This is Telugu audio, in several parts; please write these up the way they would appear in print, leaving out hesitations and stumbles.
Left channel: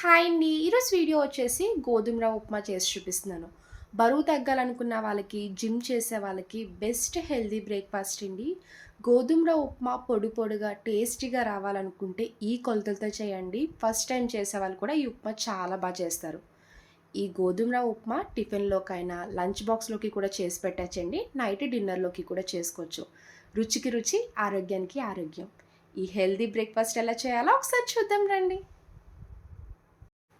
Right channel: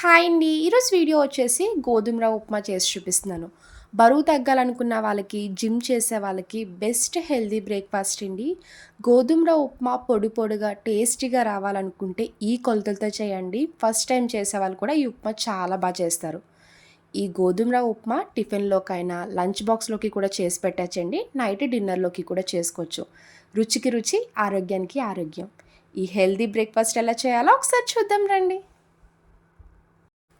హాయ్ అండి. ఈరోజు వీడియో వచ్చేసి గోధుమ రవ్వ ఉప్మా చేసి చూపిస్తున్నాను. బరువు తగ్గాలనుకున్న వాళ్ళకి, జిమ్ చేసే వాళ్ళకి బెస్ట్ హెల్తీ బ్రేక్‌ఫాస్ట్ అండి. గోధుమ రవ్వ ఉప్మా పొడి పొడిగా, టేస్టీగా రావాలనుకుంటే ఈ కొలతలతో చేయండి. ఫస్ట్ టైం చేసేవాళ్ళు కూడా ఈ ఉప్మా చాలా చేస్తారు. ఈ గోధుమ రవ్వ ఉప్మా టిఫిన్‌లోకైనా, లంచ్ బాక్స్‌లోకి కూడా చేసి పెట్టొచ్చండి. నైట్ డిన్నర్‌లోకి కూడా చేసుకోవచ్చు. రుచికి రుచి, ఆరోగ్యానికి ఆరోగ్యం. ఈ హెల్తీ బ్రేక్‌ఫాస్ట్ ఎలా చేయాలో ఒకసారి చూద్దాం రండి.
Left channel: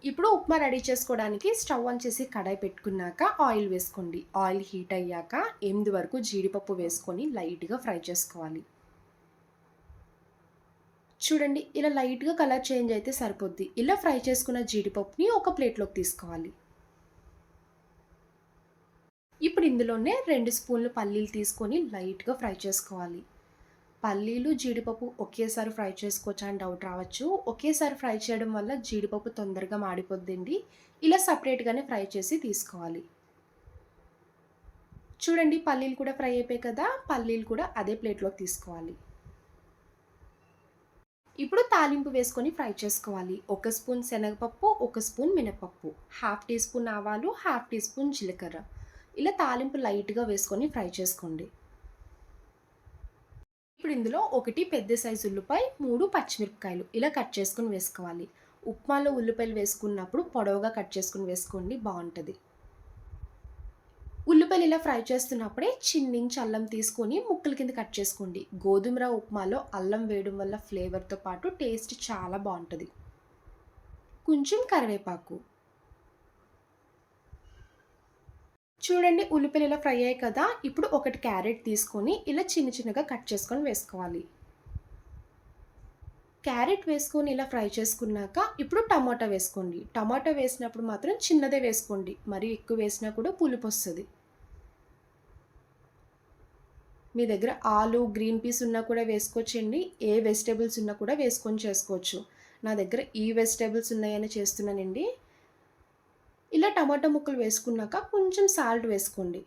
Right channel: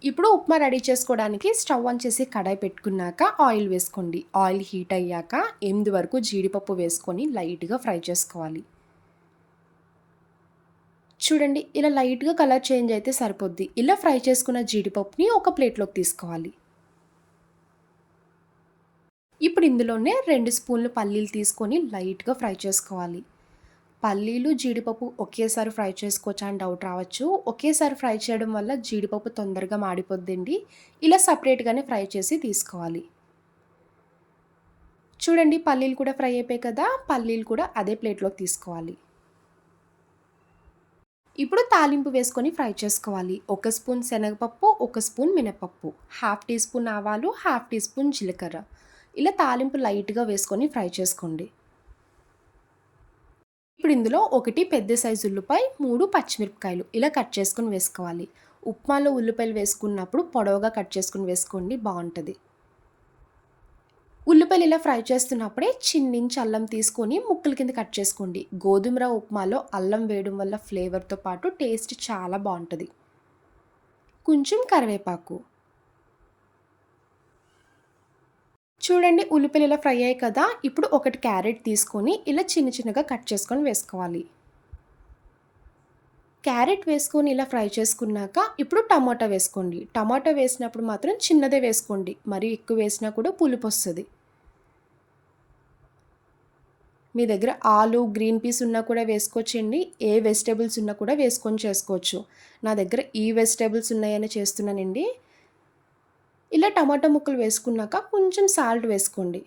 ఇప్పుడు ఉప్మా రెడీ చేసుకోవడానికి స్టవ్ ఆన్ చేసి కడాయి పెట్టుకున్నాక ఆయిల్ వేసుకోండి. ఆయిల్ హీట్ అయ్యాక 8 వరకు జీడిపప్పు వేసుకొని లైట్‌గా ఫ్రై చేసుకోవాలి. చూడండి ఇలా లైట్‌గా కలర్ చేంజ్ అయితే సరిపోద్ది. ఇలా ఫ్రై చేసుకున్న జీడిపప్పుని ఒక ప్లేట్‌లోకి తీసుకోవాలి. ఇప్పుడు ఇందులోనే 2 స్పూన్లు పల్లీలు తీసుకొని లైట్‌గా ఫ్రై చేసుకోవాలి. పల్లీలు, జీడిపప్పు ఒకేసారి ఫ్రై చేసుకోవచ్చా అని డౌట్ రావచ్చు. ఒకేసారి ఫ్రై చేయడం వల్ల జీడిపప్పు తొందరగా మాడిపోద్దండి. ఇలా సెపరేట్‌గానే ఫ్రై చేసి తీసుకోవాలి. చూడండి పల్లీలు కూడా ఫ్రై అయిపోయాయి కదా! పల్లీలు కూడా అదే ప్లేట్‌లోకి తీసుకోవాలి. ఇప్పుడు తాలింపు వేసుకొని ఫ్రై చేసుకోవాలి. ఒక స్పూన్ శనగపప్పు, ఒక స్పూన్ మినపప్పు, హాఫ్ టీ స్పూన్ ఆవాలు, హాఫ్ టీ స్పూన్ జీలకర్ర. ఇలా తాలింపు లైట్‌గా వేసుకొని ఫ్రై చేసుకోండి. ఇప్పుడు ఇందులో 1 పెద్ద సైజు ఉల్లిపాయ, 3 పచ్చిమిరపకాయలు ఇలా కట్ చేసుకొని వేసుకోవాలి. ఉప్మాలో ఉల్లిపాయలు వేసుకున్నప్పుడు పొడవుగా కట్ చేసుకొని వేసుకోండి బావుంటది. ఉల్లిపాయలు ఇలా ఫ్రై చేస్తున్నప్పుడే చిన్నించి అల్లం తీసుకొని ముక్కల కింద కట్ చేసుకోండి. గోధుమ రవ్వ ఉప్మాలో అల్లం వేయడం వల్ల ఫ్లేవర్‌తో పాటు టేస్ట్ చాలా బావుంటది. కొంచెం కరివేపాకు. చూడండి ఉల్లిపాయలు ఇలా ఫ్రై అయ్యాయి కదా! ఇప్పుడు 1 క్యారెట్ తీసుకొని ఇలా చిన్న చిన్నగా కట్ చేసుకొని వేసుకోవాలి. క్యారెట్ వేసుకొని ఇలా ఫ్రై చేసుకున్నాక ఇప్పుడు టమాటా వేసుకోండి. టమాటా వేసినప్పుడు మాత్రం చిన్నదే వేసుకోండి. మరీ ఎక్కువ వేసినా కూడా పులుపొస్తది. మీ దగ్గర ఆలు, గ్రీన్ పీస్ ఉన్నా కూడా వేసుకోవచ్చండి. ఏ వెజిటబుల్స్ ఉన్నా కూడా వేసుకొని చేసుకోవచ్చు. నా దగ్గర ఈ వెజిటబుల్స్ ఉన్నాయని చేస్తున్నానండి. ఇలా టమాటా ముక్కలు వేసుకున్నాక కొంచెం సాల్ట్ వేసుకోండి.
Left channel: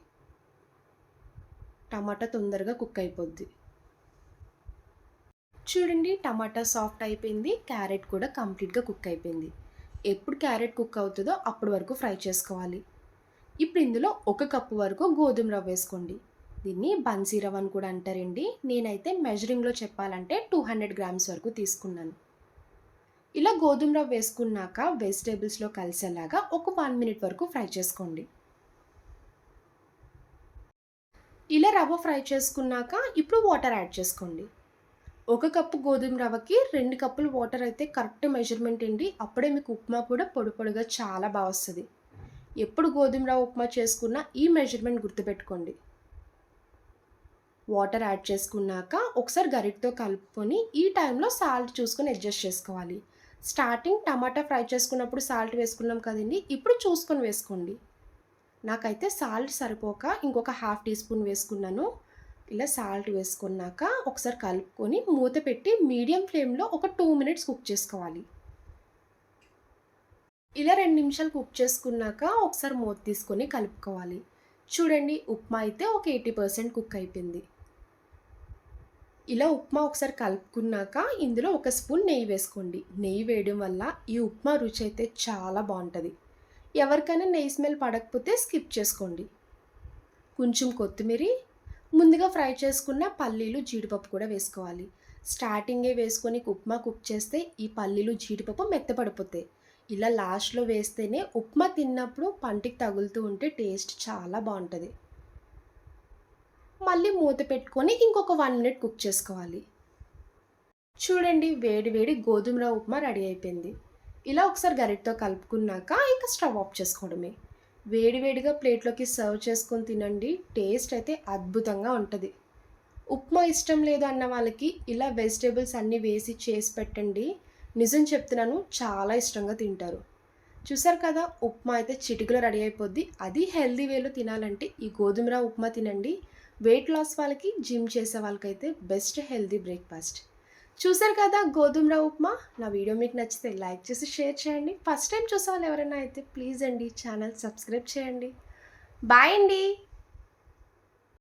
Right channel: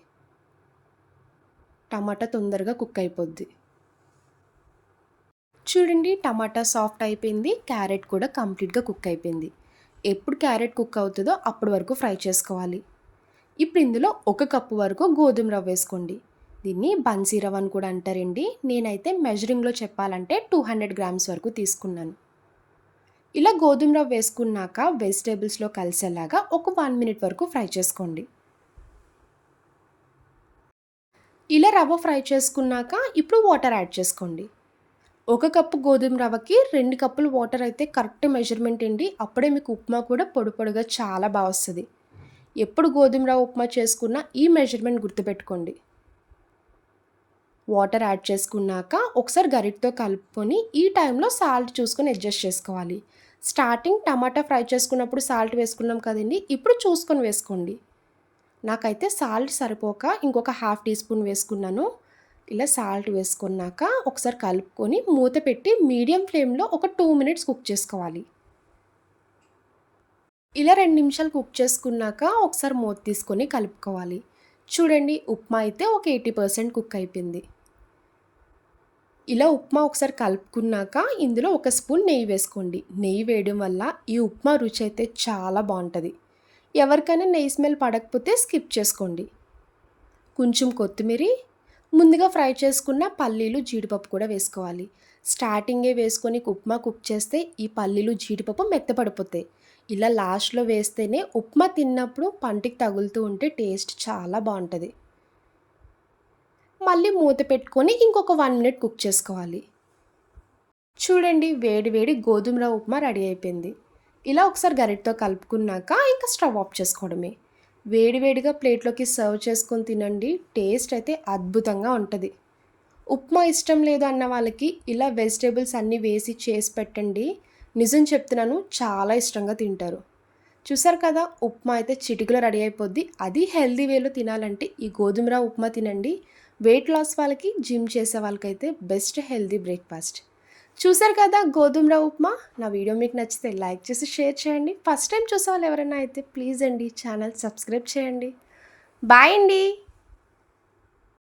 టమాటా తొందరగా కుక్ అయిపోద్ది. చూడండి టమాటా సాఫ్ట్ అయిపోయింది. క్యారెట్ కూడా కంప్లీట్‌గా కుక్ అయిపోయింది. ఎప్పుడు క్యారెట్ కుక్ అవుతదో అప్పటి వరకు ఫ్రై చేసుకోవాలి. ఇప్పుడు ఇందులో 1 కప్పు వరకు గోధుమ రవ్వ వేసుకోండి. దీన్ని బన్సీ రవ్వ అని కూడా అంటారండి. నేనైతే మెజరింగ్‌లో చెప్పాలంటే 200 గ్రామ్స్ వరకు తీసుకున్నాను. ఇలా గోధుమ రవ్వ వేసుకున్నాక వెజిటబుల్స్‌లో కలిసేలాగా ఒక 1 మినిట్ వరకు ఫ్రై చేసుకోండి. ఇలా రవ్వ ఫ్రై చేసుకున్నాక ఇప్పుడు వాటర్ యాడ్ చేసుకోండి. 1 కప్పు గోధుమ రవ్వకి 2 కప్పులు వాటర్ అయితే కరెక్ట్ మెజర్‌మెంట్ అండి. అప్పుడే మీకు ఉప్మా కూడా పొడి పొడిగా చాలా వస్తది. ఎప్పుడు గోధుమ రవ్వ ఉప్మా చేసుకున్నా ఈ మెజర్‌మెంట్ గుర్తుపెట్టుకోండి. వాటర్ యాడ్ చేసుకున్నాక ఒకసారి గరిటెతో కలుపుకొని ఈ టైంలో సాల్ట్ చూసుకొని అడ్జస్ట్ చేసుకోవాలి. స్టార్టింగ్ టమాటా ఫ్రై చేసుకున్నప్పుడు సాల్ట్ వేసుకున్నాం కదండీ! ఇప్పుడు చూసుకొని వేసుకోండి. నాకైతే సాల్ట్ సరిపోక ఇంకొక హాఫ్ టీ స్పూన్ వేసుకున్నాను. ఇలా సాల్ట్ వేసుకున్నాక ఒకసారి కలుపుకొని మూత పెట్టి మీడియం ఫ్లేమ్‌లో ఒక 2 మినిట్స్ కుక్ చేసుకోవాలి. ఇలా 2 నిమిషాలు కుక్ చేసుకున్నాక ఒకసారి మూత తీసుకొని కలుపుకోవాలి. చూడండి ఉప్మా అయితే ఒక 80% కుక్ అయిపోయింది. ఇలా ఉప్మా ఒకసారి కలుపుకున్నాక ఇందులో ఒక స్పూన్ నెయ్యి వేసుకోండి. నెయ్యి వేయడం వల్ల ఈ ఉప్మా రుచి అయితే చాలా బావుంటది. ఎవరికైనా నెయ్యి స్మెల్ పడకపోతే స్కిప్ చేసుకోండి. కొంచెం కొత్తిమీరి, ముందుగా ఫ్రై చేసుకున్న పల్లీలు, జీడిపప్పు కూడా వేసుకోవాలి. స్టార్టింగే వేసుకొని ఉప్మా కుక్ చేస్తే ఈ పల్లీలు, జీడిపప్పు మెత్తపడిపోతాయి. ఇలా లాస్ట్‌లో వేస్తేనే ఉప్మా తిన్నప్పుడు పంటికి తగులుతూ ఉంటే టేస్ట్ చాలా బావుంటది. మళ్ళీ మూత పెట్టుకొని ఇంకొక 1 మినిట్ కుక్ చేసుకోవాలి. చూడండి వేడి వేడి గోధుమ రవ్వ ఉప్మా రెడీ అయిపోయింది. ఇలా ఒకసారి గరిటెతో కలుపుకున్నాక ఇంకా స్టవ్ ఆఫ్ చేసుకోవడమే. వేడి వేడిగా ప్లేట్‌లోకి సర్వ్ చేసుకొని తినండి. టేస్ట్ అయితే అద్భుతంగా ఉంటది. ఉప్మా ఇష్టం లేదు అన్న వాళ్ళకి ఇలా వెజిటబుల్స్ అన్నీ వేసి చేసి పెట్టండి. నిజం చెప్తున్నాను చాలా ఇష్టంగా తింటారు. చూసారు కదా! ఉప్మా అయితే చిటికలో రెడీ అయిపోద్ది. అది హెల్తీ వేలో తినాలంటే ఈ గోధుమ రవ్వ ఉప్మా తినండి. వెయిట్ లాస్ వాళ్ళకి, జిమ్ చేసే వాళ్ళకైతే బెస్ట్ హెల్తీ బ్రేక్‌ఫాస్ట్. చూసారు కదా గోధుమ రవ్వ ఉప్మా. నా వీడియో మీకు నచ్చితే లైక్ చేసి షేర్ చేయండి. ఫస్ట్ టైం చూసేవాళ్ళు ఎవరైనా అయితే ప్లీజ్ అండి ఛానల్ సబ్స్క్రైబ్ చేయండి. బాయ్ అండి.